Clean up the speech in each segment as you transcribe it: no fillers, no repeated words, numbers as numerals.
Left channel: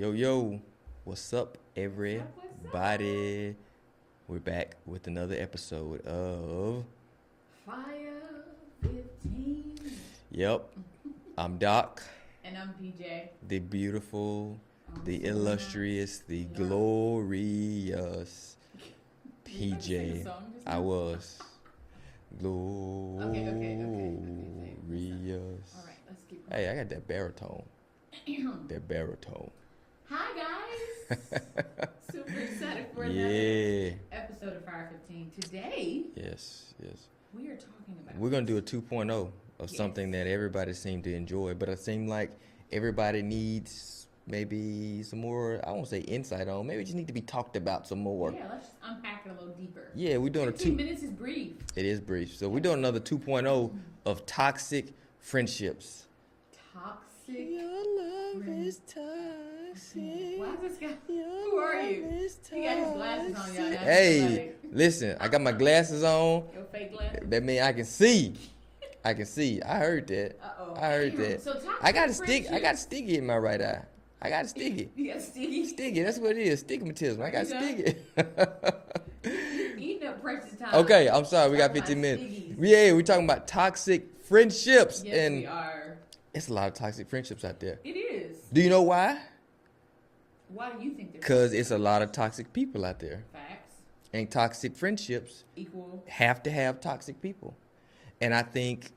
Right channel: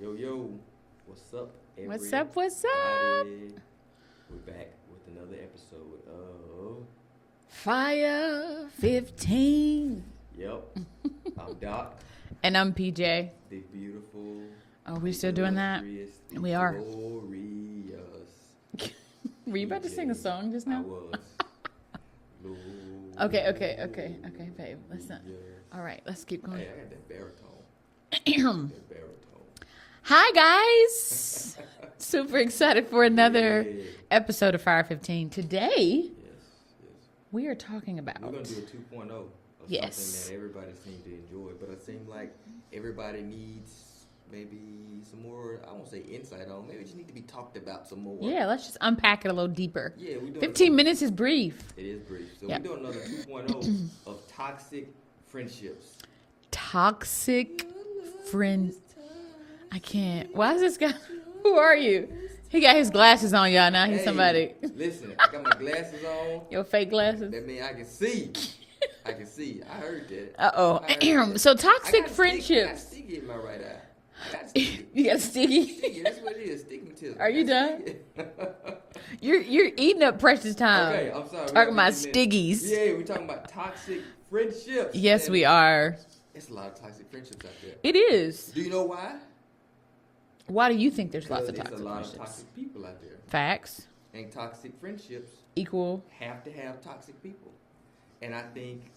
Yo, what's up, everybody? What's up? We're back with another episode of FIRE15. Yep. I'm Doc. And I'm PJ. The beautiful, we the still doing that? illustrious, the We are. glorious. Were you about to sing a PJ. song just now? I was. Glorious. Okay, babe. Listen. All right, let's keep going. Hey, I got that baritone. that baritone. Hi, guys. Super excited for another Yeah. episode of FIRE15. Today, Yes. we are talking about... We're going to do a 2.0 of Yes. something that everybody seemed to enjoy, but it seemed like everybody needs maybe some more, I won't say insight on, maybe it just need to be talked about some more. Yeah, let's just unpack it a little deeper. Yeah, we're doing 15 minutes is brief. It is brief. So Yep. we're doing another 2.0 of toxic friendships. Toxic friend. I can't. Why is this guy? Who are you? He got his glasses on, y'all. Now he's somebody. Listen, I got my glasses on. Your fake glasses. That means I can see. I heard that. I heard that. So I toxic got friendships. I got sticky in my right eye. I got sticky. You got sticky. Sticky, that's what it is. Stigmatism. Are I got you done? sticky. You're eating up precious time. Okay, I'm sorry. We Talking got about 15 minutes. stiggies. Yeah, we're talking about toxic friendships. Yes, and we are. It's a lot of toxic friendships out there. It is. Do you know why? Why do you think there's? Because it's a lot of toxic people out there. Facts. And toxic friendships Equal. have to have toxic people. And I think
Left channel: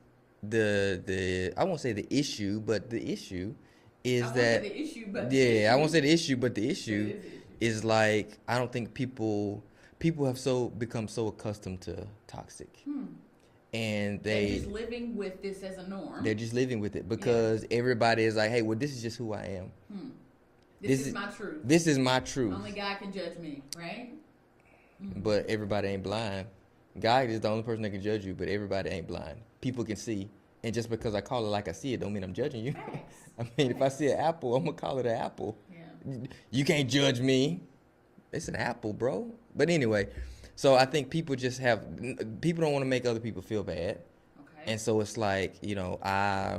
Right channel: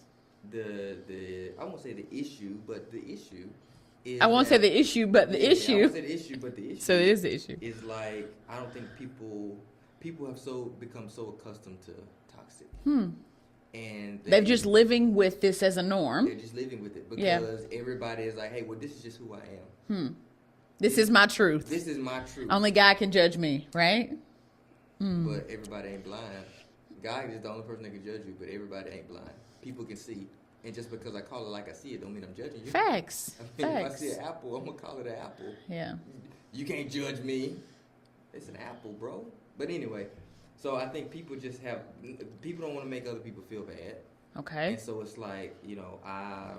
the I won't say the issue, but the issue is I won't say that- the issue, but the issue. I won't say the issue, but the issue So it is the issue. is like I don't think people have become so accustomed to toxic. And They're just living with this as a norm. they're just living with it because everybody is like, hey, well, this is just who I am. This is my truth. This is my truth. Only God can judge me, right? But everybody ain't blind. God is the only person that can judge you, but everybody ain't blind. People can see. And just because I call it like I see it don't mean I'm judging you. Facts. I mean, if I Facts. see an apple, I'm going to call it an apple. Yeah. You can't judge me. It's an apple, bro. But anyway, so I think people don't want to make other people feel bad. Okay. And so it's like, I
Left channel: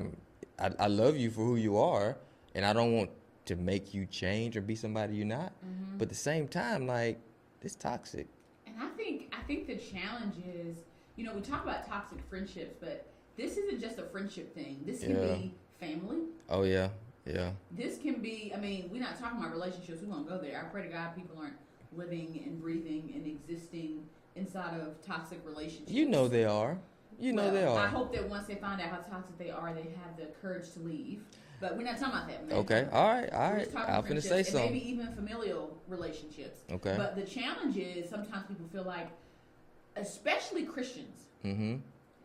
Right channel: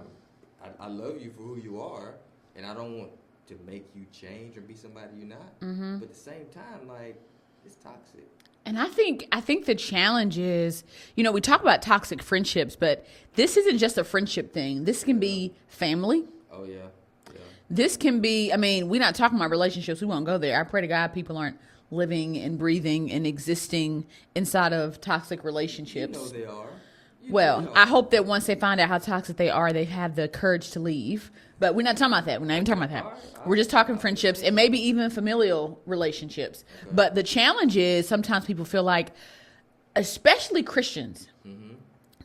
love you for who you are, and I don't want to make you change or be somebody you're not. But at the same time, like, it's toxic. And I think the challenge is, we talk about toxic friendships, but this isn't just a friendship thing. This can be family. Oh, yeah. Yeah. This can be, we're not talking about relationships. We won't go there. I pray to God people aren't living and breathing and existing inside of toxic relationships. You know they are. I hope that once they find out how toxic they are, they have the courage to leave. But we're not talking about that. We're not even talking about that. All right. We're just talking I was friendships gonna say and maybe even familial relationships. Okay. But the challenge is sometimes people feel like, especially Christians,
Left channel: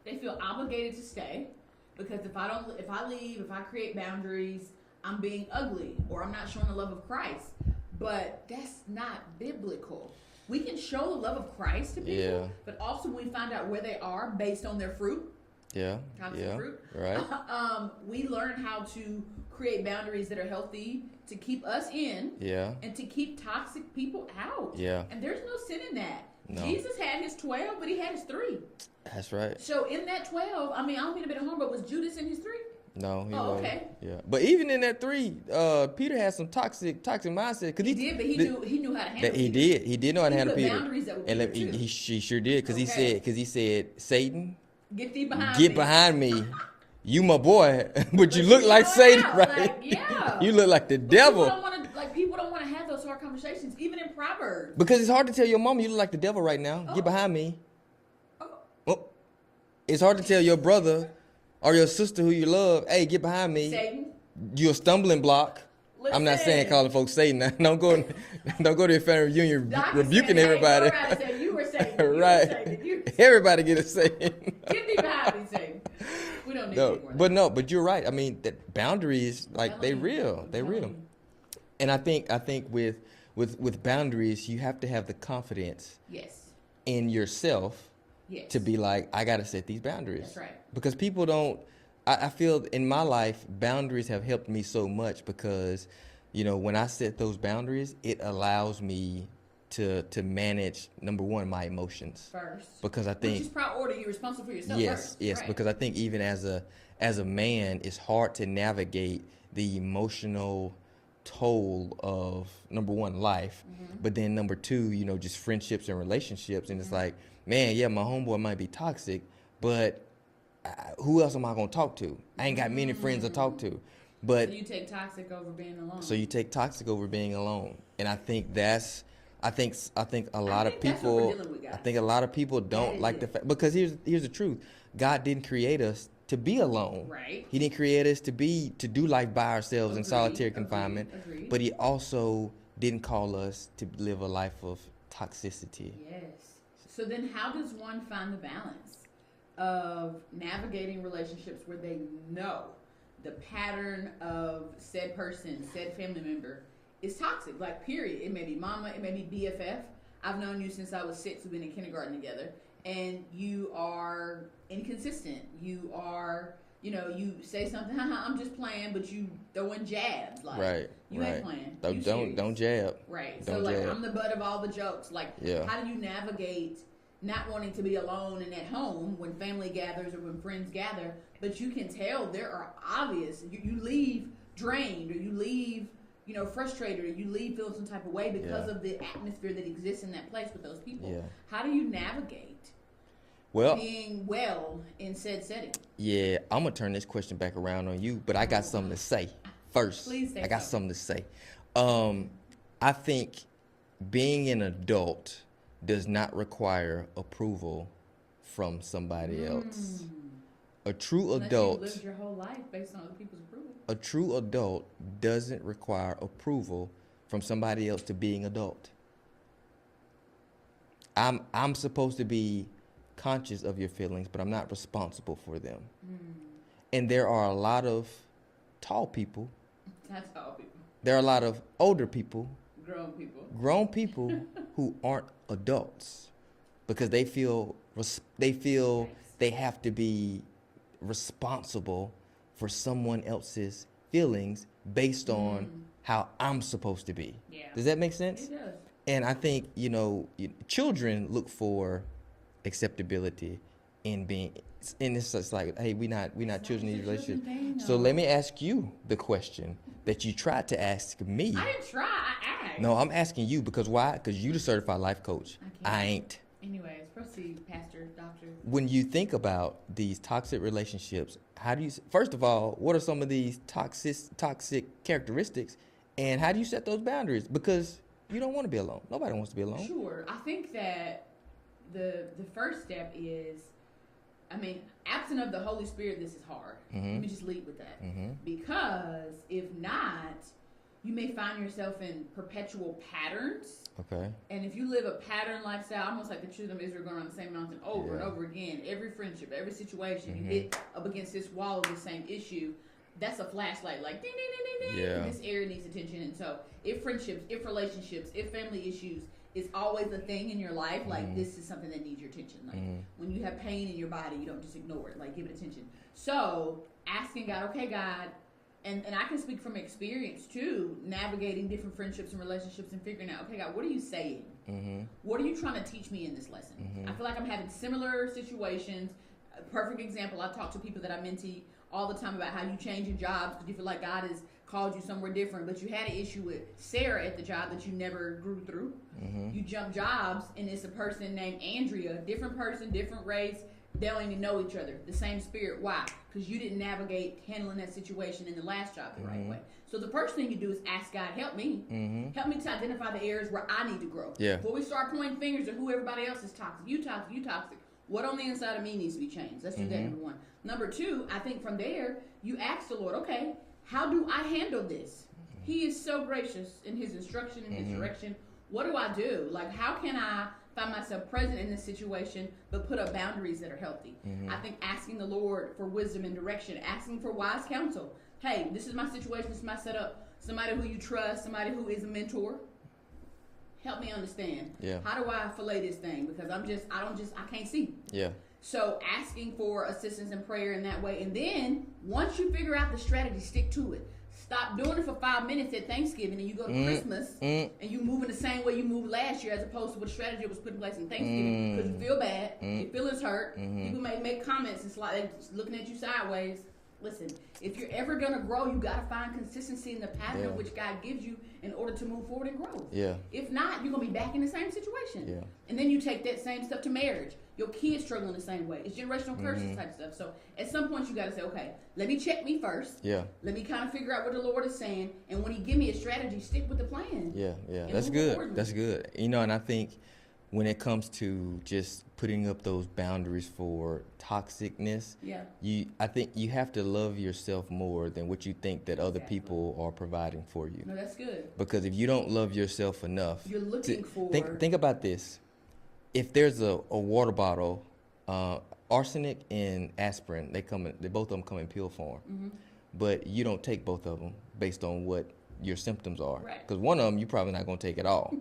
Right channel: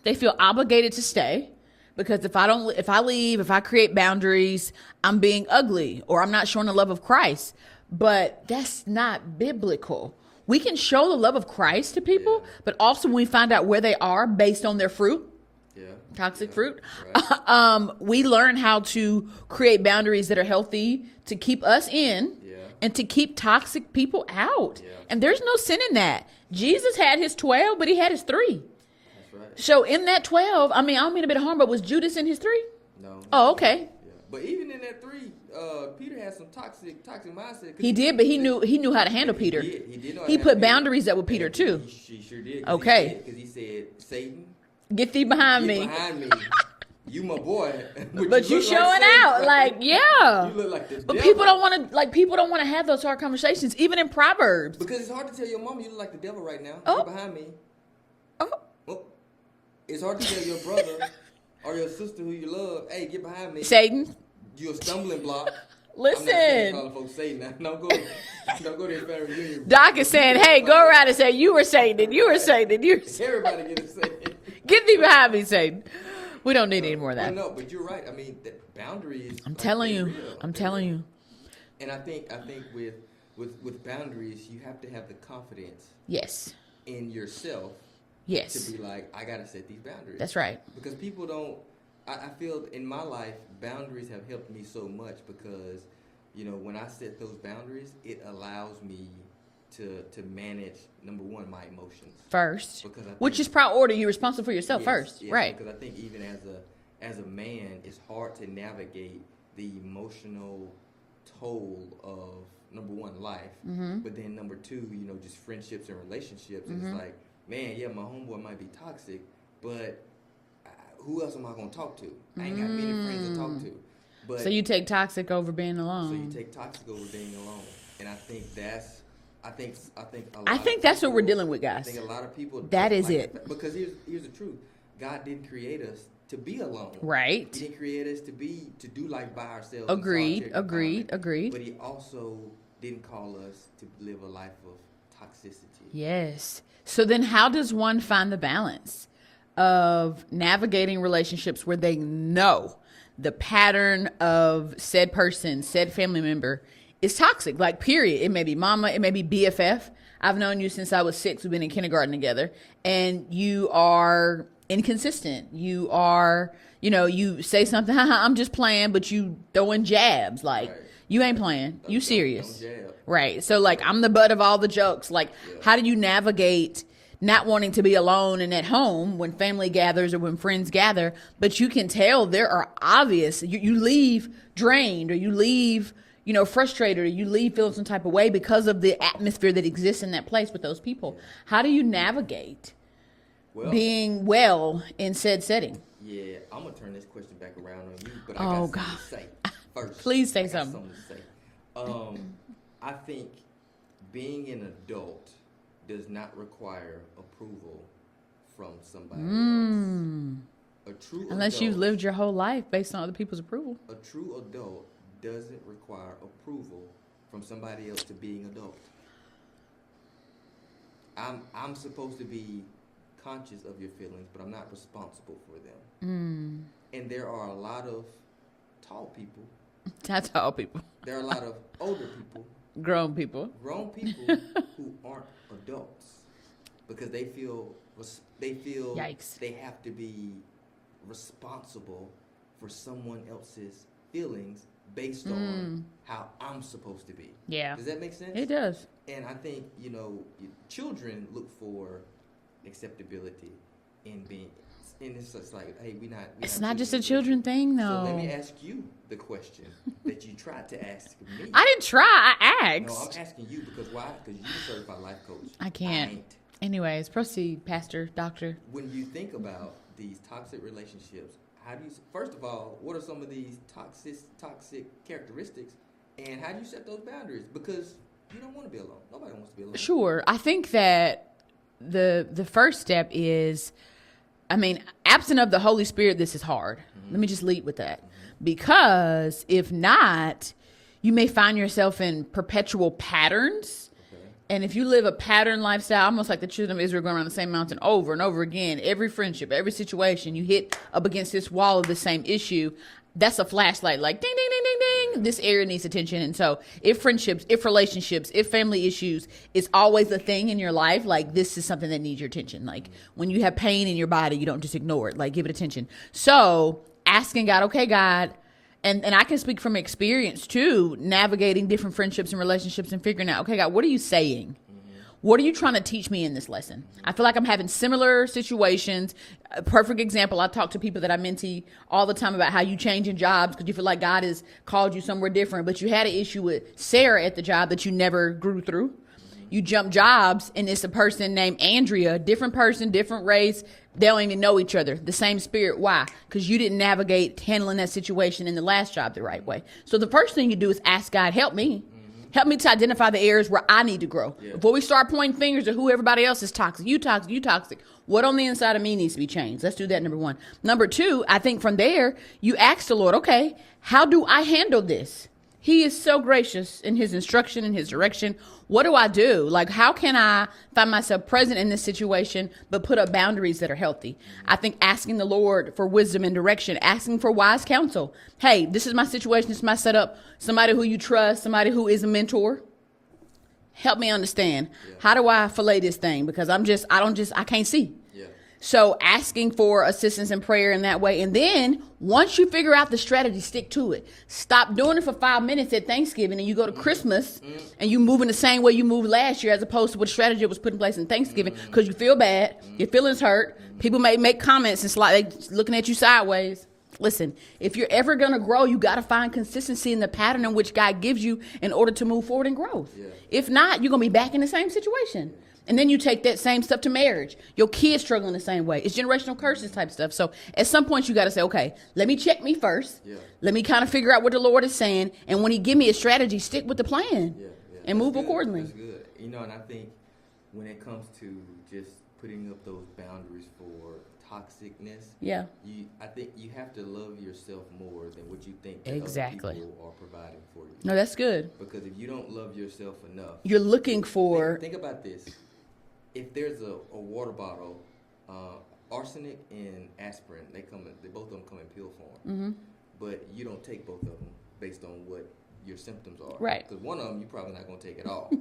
they feel obligated to stay because if I leave, if I create boundaries, I'm being ugly or I'm not showing the love of Christ. But that's not biblical. We can show the love of Christ to people, but also when we find out where they are based on their fruit, toxic fruit, right. we learn how to create boundaries that are healthy to keep us in and to keep toxic people out. Yeah. And there's no sin in that. No. Jesus had his 12, but he had his 3. That's right. So in that 12, I don't mean a bit of harm, but was Judas in his 3? No. Oh, okay. Yeah. But even in that 3, Peter had some toxic mindset. He did, but he knew how to handle Peter. He did know how to handle Peter. He put boundaries up with Peter too. He sure did. Because he said, Satan, get thee behind me. Get behind me. You my boy, but you look showing like Satan. Out. Right? Like, yeah. You look like the but devil. People don't want to have those hard conversations, even in Proverbs. Because it's hard to tell your mama you look like the devil right now. Oh. Get behind me. Oh. It's hard to tell your brother or your sister who you love, hey, get behind me. Satan. You're a stumbling block. Listen. I'm not saying calling folks Satan. Don't go to the family reunion. Doc is saying, hey, go around and say, you were Satan, you were Satan, you were Satan. Everybody get a Satan. Get thee behind me, Satan. We don't need any more of that. But you're right. I mean, that boundaries, I'm telling you. real. I'm telling you. And I think with boundaries, you have to have the confidence in yourself to be like, I got to set these boundaries. That's right. Because people don't, I feel in my life, boundaries have helped me so much because, when I set those boundaries, it allows me to manage, number one, my emotions. First. Because I think, which is priority. You're responsible for yourself first. Yes, right. Because I think even as a man, it's hard to navigate the emotional toll of, number one, life, but then number two, you know, just friendships and relationships. And it's like, man, yeah, my homeboy might be toxic, but who else am I going to talk to? I ain't got many friends to talk to. But So you take toxic over being alone. so you take toxic over being alone. And I think that's, I think a lot of people. I think that's what we're dealing with, guys. I think a lot of people don't That is like it. the fact, because here's the truth. God didn't create us to be alone. Right. He didn't create us to do life by ourselves in solitary confinement. Agreed. But he also didn't call us to live a life of toxicity. Yes. So then how does one find the balance of navigating relationships where they know the pattern of said person, said family member is toxic? Like, period. It may be mama, it may be BFF. I've known you since I was 6. We've been in kindergarten together. And you are inconsistent. You are, you know, you say something, I'm just playing, but you throwing jabs. Like, Right, you ain't right. playing. Don't- You serious. Don't jab. Right. So, Don't like, jab. I'm the butt of all the jokes. Like, Yeah. how do you navigate not wanting to be alone and at home when family gathers or when friends gather, but you can tell there are obvious, you leave drained, or you leave, you know, frustrated, or you leave feeling some type of way because of the atmosphere that exists in that place with those people. Yeah. How do you navigate Well, being well in said setting? yeah, I'm gonna turn this question back around on you, but I got Oh, something God. to say first. Please say I got something. something to say. I think being an adult does not require approval from somebody else. A true Unless adult, you've lived your whole life based on other people's approval. a true adult doesn't require approval from somebody else to being adult. I'm supposed to be conscious of your feelings, but I'm not responsible for them. And there are a lot of tall people. That's all people. There are a lot of older people, Grown people. grown people who aren't adults because they feel Yikes. they have to be responsible for someone else's feelings based on how I'm supposed to be. Yeah. Does that make sense? It does. And I think, you know, children look for acceptability in being, and it's just like, hey, It's not not just a in children relationship. thing, So let me though. ask you the question that you tried to ask me. I didn't try. I asked. No, I'm asking you because why? Because you're the certified life coach. I can't. I ain't. Anyways, proceed, pastor, doctor. When you think about these toxic relationships, how do you, first of all, what are some of these toxic characteristics, and how do you set those boundaries? Because you don't want to be alone. Nobody wants to be alone. Sure. I think that the first step is, I mean, absent of the Holy Spirit, this is hard. Let me just lead with that. Because if not, you may find yourself in perpetual patterns. Okay. And if you live a pattern lifestyle, almost like the children of Israel going around the same mountain over and over again, every friendship, every situation, you hit up against this wall of the same issue, that's a flashlight like ding, ding, ding, ding, ding. Yeah. This area needs attention. And so if friendships, if relationships, if family issues is always a thing in your life, like this is something that needs your attention. Like when you have pain in your body, you don't just ignore it, like give it attention. So asking God, okay, God, and I can speak from experience too, navigating different friendships and relationships and figuring out, okay, God, what are you saying? What are you trying to teach me in this lesson? I feel like I'm having similar situations. A perfect example, I talk to people that I mentee all the time about how you change in jobs because you feel like God has called you somewhere different, but you had an issue with Sarah at the job that you never grew through. You jump jobs, and it's a person named Andrea, different person, different race. They don't even know each other. The same spirit. Why? Because you didn't navigate handling that situation in the last job the right way. So the first thing you do is ask God, help me. Help me to identify the areas where I need to grow. Yeah. Before we start pointing fingers at who everybody else is toxic. You toxic, you toxic. What on the inside of me needs to be changed? Let's do that, number one. Number two, I think from there, you ask the Lord, okay, how do I handle this? He is so gracious in his instruction and his direction. What do I do? Like, how can I find myself present in this situation, but put up boundaries that are healthy? I think asking the Lord for wisdom and direction, asking for wise counsel. Hey, this is my situation. This is my setup. Somebody who you trust, somebody who is a mentor. Help me understand. Yeah. How do I fillet this thing? Because I can't see. Yeah. So asking for assistance and prayer in that way. And then once you figure out the strategy, stick to it. Stop doing it for 5 minutes at Thanksgiving and you go to Christmas and you move in the same way you moved last year as opposed to what strategy was put in place in Thanksgiving because you feel bad, your feelings hurt. People may make comments and they looking at you sideways. Listen, if you're ever going to grow, you got to find consistency in the pattern in which God gives you in order to move forward in growth. Yeah. If not, you're going to be back in the same situation. Yeah. And then you take that same stuff to marriage. Your kids struggling the same way. It's generational curses type stuff. So at some point you got to say, okay, let me check me first. Yeah. Let me kind of figure out what the Lord is saying. And when he give me a strategy, stick with the plan. Yeah, yeah. And That's move good. accordingly. That's good. And I think when it comes to just putting up those boundaries for toxicness, I think you have to love yourself more than what you think that other people are providing for you. No, that's good. Because if you don't love yourself enough, you're looking for. Think about this. If there's a water bottle, arsenic and aspirin, they both of them come in pill form. But you don't take both of them based on what your symptoms are. Right. Because one of them you're probably not going to take at all.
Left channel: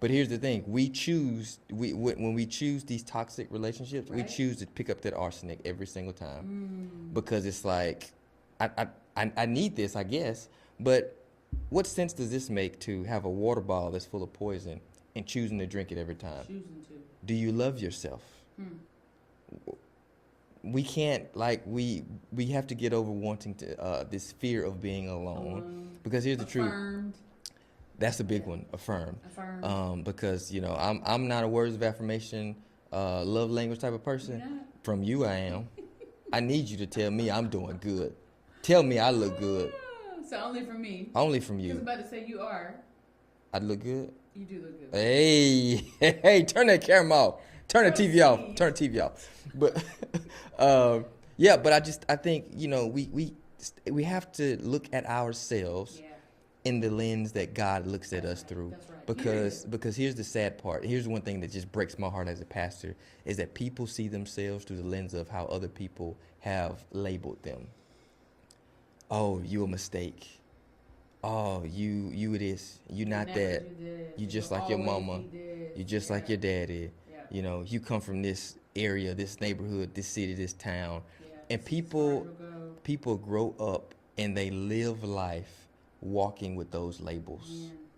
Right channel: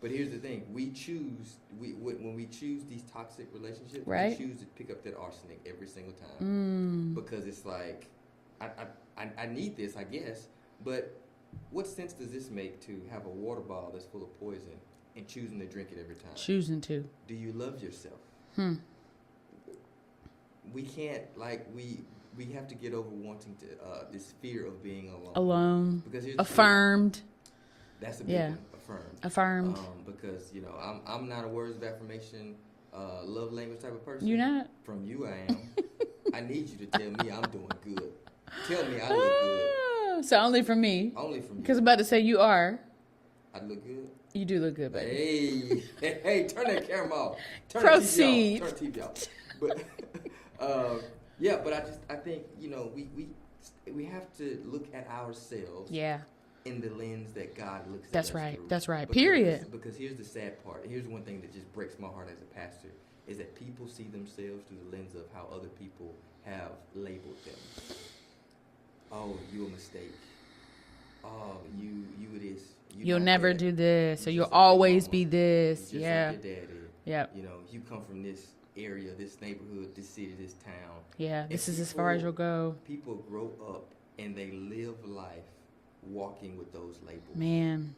But here's the thing: when we choose these toxic relationships, we choose to pick up that arsenic every single time because it's like, I need this, I guess. But what sense does this make to have a water bottle that's full of poison and choosing to drink it every time? Choosing to. Do you love yourself? We can't, we have to get over wanting to this fear of being alone. Alone. Because here's the affirmed. Truth. That's a big one. Affirmed. Affirmed. Because I'm not a words of affirmation, love language type of person. You're not. From you, I am. I need you to tell me I'm doing good. Tell me I look good. So only from me. Only from you. Because I'm about to say you are. I look good. You do look good. Baby. Hey, turn that camera off. Turn the TV off. Turn the TV off. But but I think we have to look at ourselves. Yeah. In the lens that God looks at us through. That's right. Period. Because here's the sad part. Here's one thing that just breaks my heart as a pastor is that people see themselves through the lens of how other people have labeled them. Oh, you a mistake. Oh, you this. You'll never do this. So you'll like always be this. You're just like your daddy. Yeah. You come from this area, this neighborhood, this city, this town. Yeah. And this is as far as you'll go. People grow up and they live life walking with those labels. Man.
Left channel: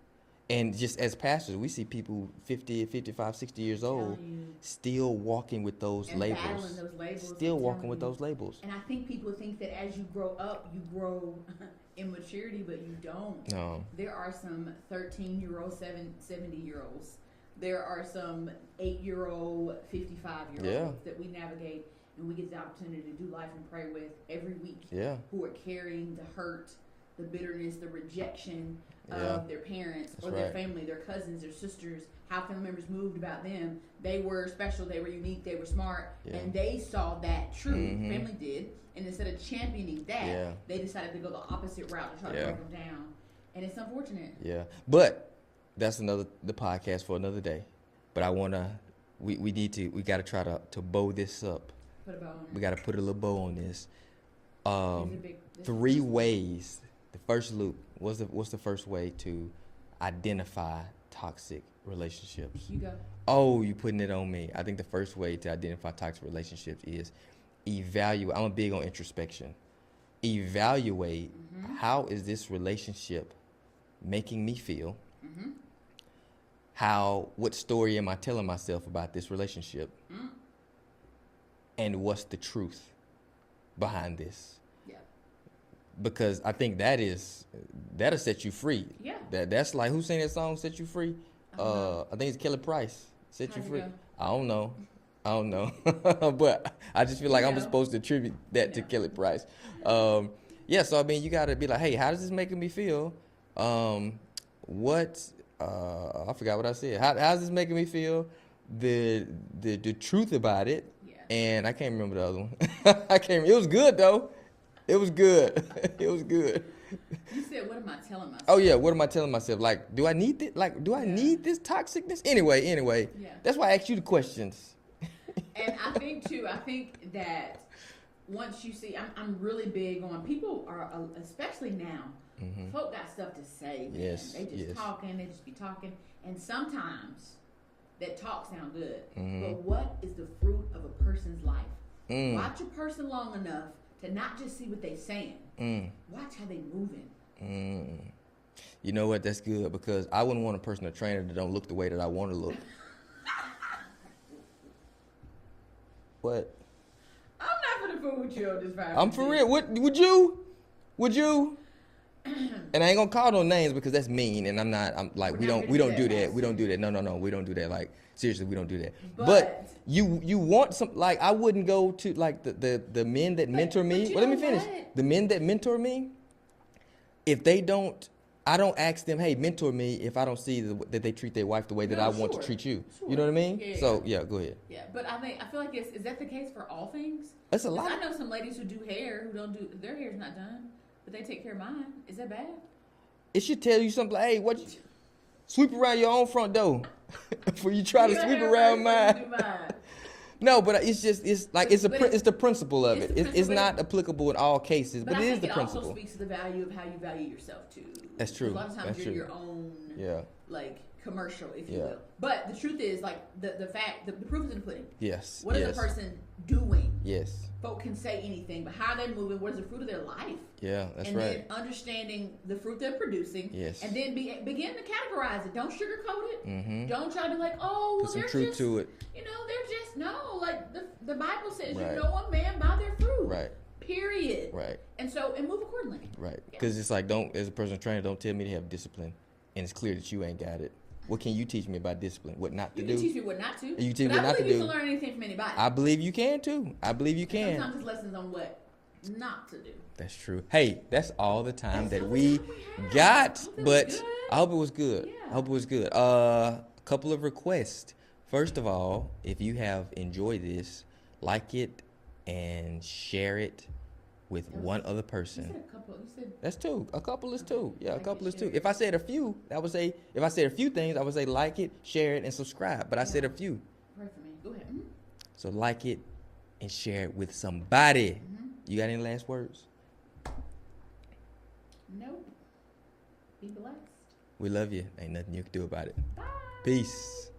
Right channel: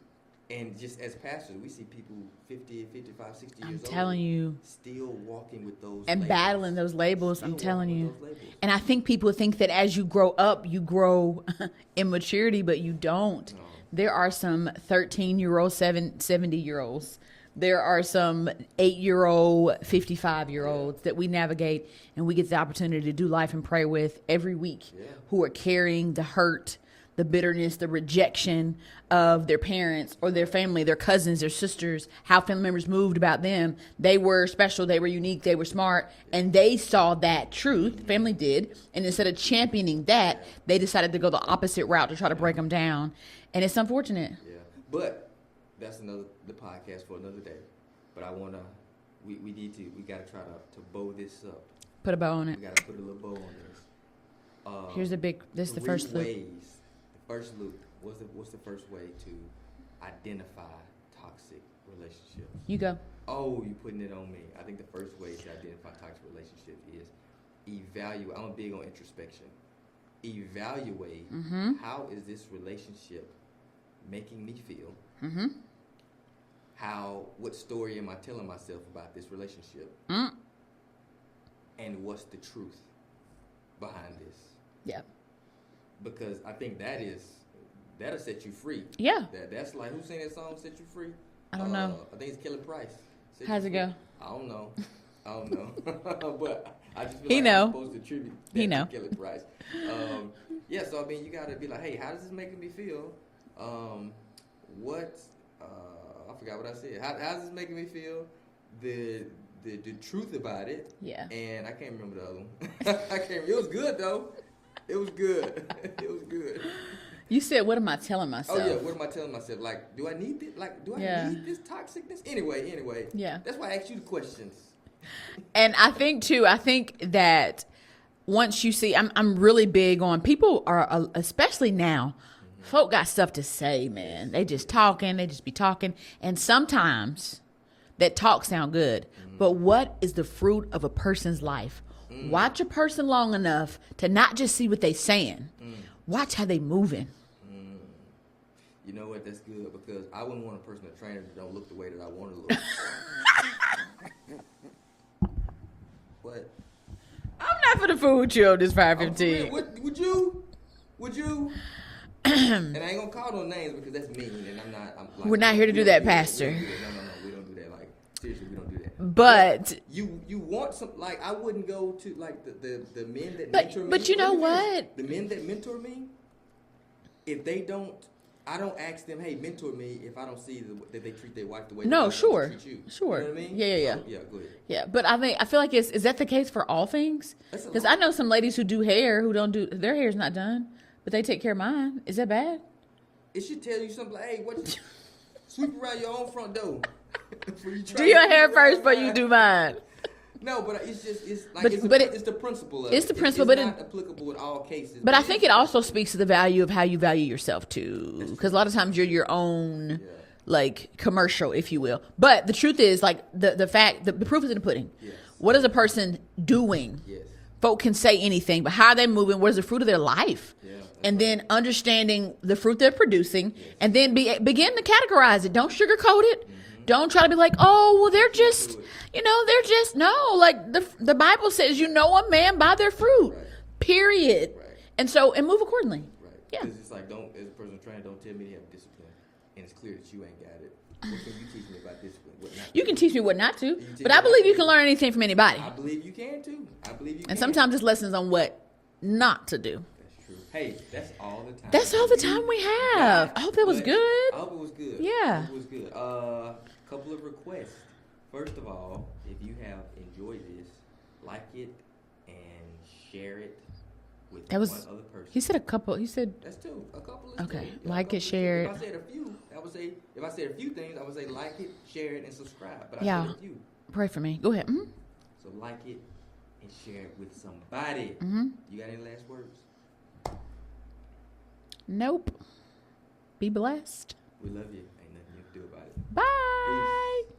And just as pastors, we see people 50, 55, 60 years old. I'm telling you. Still walking with those and labels. And battling those labels, still I'm telling walking you. with those labels. And I think people think that as you grow up, you grow in maturity, but you don't. No. There are some 13-year-old, 70-year-olds. There are some 8-year-old, 55-year-olds that we navigate, and we get the opportunity to do life and pray with every week who are carrying the hurt, the bitterness, the rejection of their parents or their family, their cousins, their sisters, how family members moved about them. They were special, they were unique, they were smart, and they saw that truth, family did, and instead of championing that, they decided to go the opposite route to try to break them down. And it's unfortunate. Yeah. But that's the podcast for another day. But I want to, we got to try to bow this up. Put a bow on it. We got to put a little bow on this. Here's this 3 the first ways. The first loop, what's the first way to identify toxic relationships? You go. Oh, you putting it on me. I think the first way to identify toxic relationships is evaluate. I'm big on introspection. Evaluate how is this relationship making me feel? What story am I telling myself about this relationship? And what's the truth behind this? Yeah. Because I think that'll set you free. Yeah. That's like, who sang that song, Set You Free? I don't know. I think it's Kelly Price. How's it go? I don't know. But I just feel like I'm supposed to attribute that to Kelly Price. So I mean, you got to be like, hey, how does this making me feel? I forgot what I said. How's this making me feel? The truth about it. Yeah. And I can't remember the other one. It was good though. It was good. It was good. You said, what am I telling myself? Oh, yeah. What am I telling myself? Like, do I need this? Like, do I need this toxicness? Anyway. Yeah. That's why I asked you the questions. And I think that once you see, I'm really big on, people are, especially now, folk got stuff to say, man. Yes, they just talking. They just be talking. And sometimes that talk sound good. But what is the fruit of a person's life? Watch a person long enough to not just see what they saying. Watch how they moving. You know what? That's good, because I wouldn't want a personal trainer that don't look the way that I want to look. What? I'm not for the food with you on this Fire I'm for 15. real. Would you? Would you? And I ain't gonna call no names because that's mean, and I'm like We're not here to do that, Pastor. We don't do that. No. We don't do that. Like seriously, we don't do that. But you want some, like, I wouldn't go to like the men that mentor me. But you know what? The men that mentor me, if they don't, I don't ask them, hey, mentor me if I don't see that they treat their wife the way that I want to treat you. Sure. You know what I mean? Yeah. So yeah, go ahead. Yeah, but I feel like is that the case for all things? That's a Because lot. I know some ladies who do hair who don't do their hair's not done, but they take care of mine. Is that bad? It should tell you something like, hey, sweep around your own front door before you try Do to your sweep hair around first before mine. you do mine. No, but it's like But- it's but the principle of it's it. the principle, It's but not applicable in all cases. But I think is it the also principle. speaks to the value of how you value yourself too. That's true. Because a lot of times That's you're true. your own, Yeah. like commercial, if you will. But the truth is, like the fact, the proof is in the pudding. Yes. What is a yes, person doing? Yes. Folk can say anything, but how are they moving? What is the fruit of their life? Yeah. That's And then right. understanding the fruit they're producing, Yes. and then begin to categorize it. Don't sugarcoat it. Don't try to be like, oh, well, they're There's just, some truth to it. they're just no. Like the Bible says, you Right. know a man by their fruit. Right. Period. Right. And move accordingly. Right. Yeah. Because it's like, as a personal trainer, don't tell me to have discipline, and it's clear that you ain't got it. What can you teach me about discipline? What not? You to can do? teach me what not to, You teach but me I what not believe to you do. can learn anything from anybody. I believe you can too. I believe you can. And sometimes it's lessons on what not to do. That's true. Hey, that's all the time. That's that all the time we have. got, I hope that was but good. I hope it was good. Yeah. I hope it was good. Couple of requests. First of all, if you have enjoyed this, like it and share it with That was- one other person. He said a couple. He said That's two. A couple is Okay. two. Yeah, Like a couple it, is share two. If it. I said a few, I would say, if I said a few things, I would say like it, share it, and subscribe. But I said a Yeah. few. pray for me. Go ahead. Mhm. So like it and share it with somebody. Mm-hmm. You got any last words? Nope. Be blessed. We love you. Ain't nothing you can do about it. Bye. Peace.